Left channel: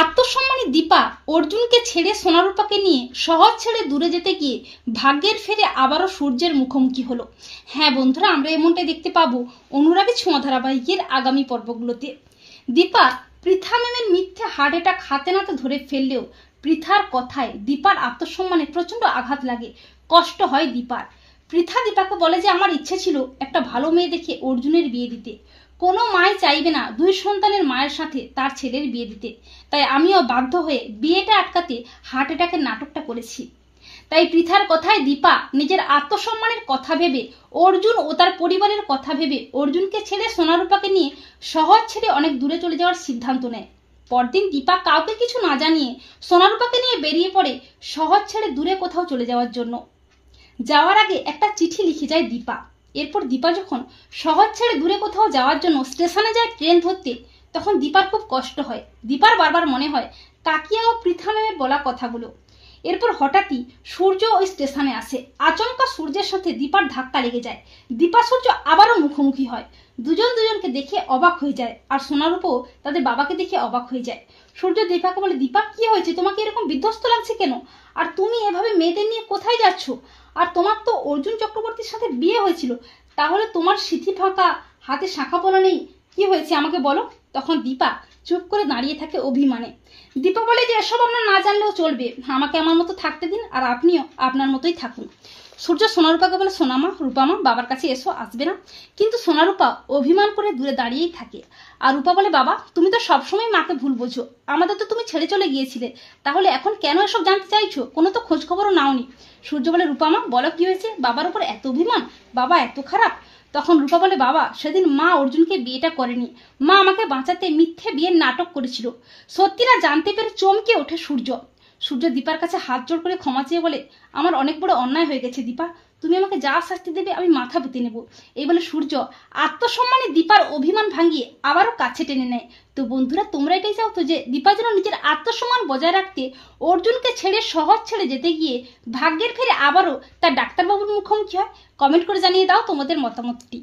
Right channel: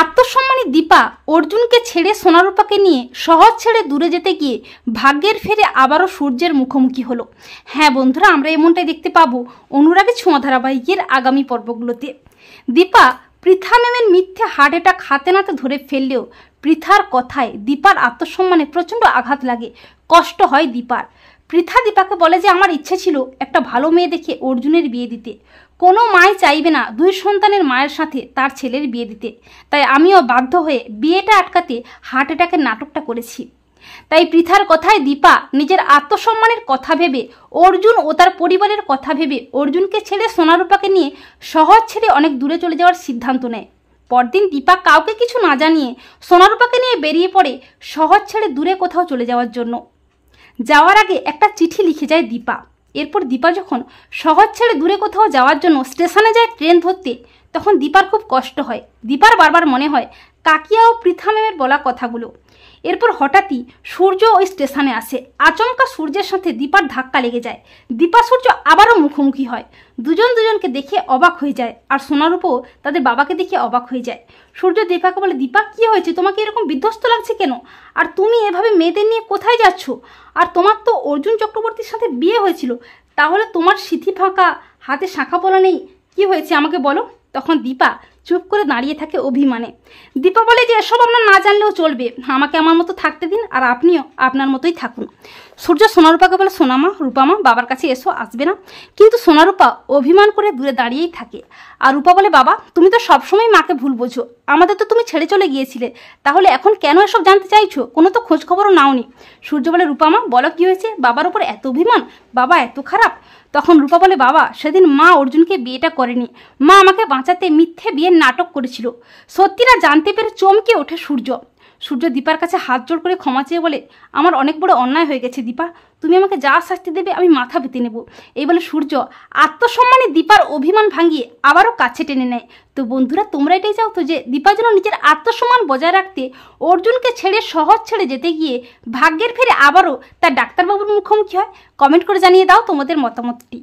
আত্মসম্মানী দীপা অর্জুনকে ছেড়ে সোনারূপাকে নিয়ে শহর ছেড়ে দূরে যেতে গিয়ে ভাগ্যের ফেরে আবারও সূর্যের মুখোমুখি হলো। হ্যাঁ বন্ধুরা, আমরা এমনটাই দেখতে পাবো অনুরাগী ছোঁয়া ধারাবাহিকের আগামী পর্বগুলোতে। দীপা পৃথা ম্যামের মিথ্যে হার্ট অ্যাটাক হাতে নাতে ধরে ফেললেও পৃথার কথায় দীপার আত্মসম্মানে প্রচণ্ড আঘাত লাগে, কষ্ট হয় দীপার। পৃথা দীপাকে বলে যে আমার ইচ্ছে ছিল একটা ভালো মেয়ে দেখে অর্জুনের বিয়ে দিতে, কোনো মাই চাইবে না দুই সন্তানের মায়ের সাথে তার ছেলের বিয়ে দিতে, তাই আমিও বাধ্য হয়ে বিয়েটা আটকাতে হার্ট অ্যাটাকের নাটকটা করেছি। তাই পৃথার কথায় দীপা নিজের আত্মসম্মানের কথা ভেবে অর্জুন ও তার পরিবারের কথা ভেবে অর্জুনকে ছেড়ে সোনারূপাকে নিয়ে শহর ছেড়ে অনেক দূরে চলে যাওয়ার সিদ্ধান্ত নেয়। পরদিন দীপা কাউকে কিছু না জানিয়ে সোনারূপাকে নিয়ে বেরিয়ে পড়ে শহর ছেড়ে দূরে কোথাও চলে যাওয়ার জন্য। যাওয়ার আগে একটা চিঠি লিখে যায় দীপা। এরপর দীপা যখন শহর ছেড়ে দূরে কোথাও যাওয়ার জন্য স্টেশনে যায় ট্রেন ধরতে, তখন দীপার খুব কষ্ট হয়। দীপার বারবার মনে হয় কাকিয়া ও পৃথা ম্যামের বলা কথাগুলো। এরপর হঠাৎই সূর্য ওই স্টেশনে আসে। আচমকা সূর্যের সাথে দীপার ধাক্কা লেগে যায়। দীপা সূর্য আবারও মুখোমুখি হয়। দুজন দুজনকে দেখে অবাক হয়ে যায়, আর সোনারূপও তাদের বাবাকে দেখে অবাক হয়ে যায়। সূর্য দীপাকে বলে, দীপা কি হয়েছে, তোমাকে এরকম বিধ্বস্ত লাগছে কেন? আর তুমি এভাবে মেয়েদের নিয়ে কোথায় যাচ্ছ? আর তোমার তো অর্জুন চক্রবর্তীর সাথে বিয়ে হয়েছিল, তাহলে তোমার সিথি ফাঁকা, হাতে শাঁখা পলা নেই, কি হয়েছে আমাকে বলো? তখন দীপা চুপ করে দাঁড়িয়ে থাকে অভিমানে। দীপা বলে যে এসব আপনার না জানলেও চলবে, আমাকে আমার মতো থাকতে দিন, আর আপনিও আপনার মতোই থাকুন। সূর্য সোনারূপাকে বলে, সোনামা রূপামা বাবার কাছে এসো, আসবে না? কিন্তু সোনারূপা অভিমান করে দূরে দাঁড়িয়েই থাকে। আর রূপা বলে, বাবা তুমি তো সবসময় মাকে ভুল বোঝো, আমাদের তো তুমি ছেড়ে চলে গিয়েছিলে, তাহলে এখন কেন এসব জানতে চাইছো? কোনো তো খোঁজ খবরও নাওনি। সূর্য বলে, রূপামা বলো কি হয়েছে, বাবার উপর এত অভিমান, বাবা এত খারাপ? তখন রূপা বলে, বাবা সেদিন মা অর্জুনকে বিয়েটা করেনি, মা আমাকে বাঁচাতে মিথ্যে বিয়ের নাটক করেছিল। সত্যিটা জানতে পেরে চমকে ওঠে সূর্য। সূর্য দীপার কাছে হাত জোড় করে ক্ষমা চেয়ে বলে, আমার অনেক বড় অন্যায় হয়ে গেছে দীপা, তুমি আমাকে যা শাস্তি দেবে আমি মাথা পেতে নেব। এই বলে সূর্য আত্মসম্মানে দীপার অভিমান ভাঙিয়ে আবারও কাছে টেনে নেয়। তো বন্ধুরা, তোমরা এটাই চাও তো যে দীপা যেন নিজের আত্মসম্মান বজায় রাখতে অর্জুনকে ছেড়ে শহর ছেড়ে যেতে গিয়ে ভাগ্যের ফেরে আবারও তার ডাক্তারবাবুর মুখোমুখি হয়? কমেন্ট করে জানিয়ে দাও তোমাদের মতামতটি।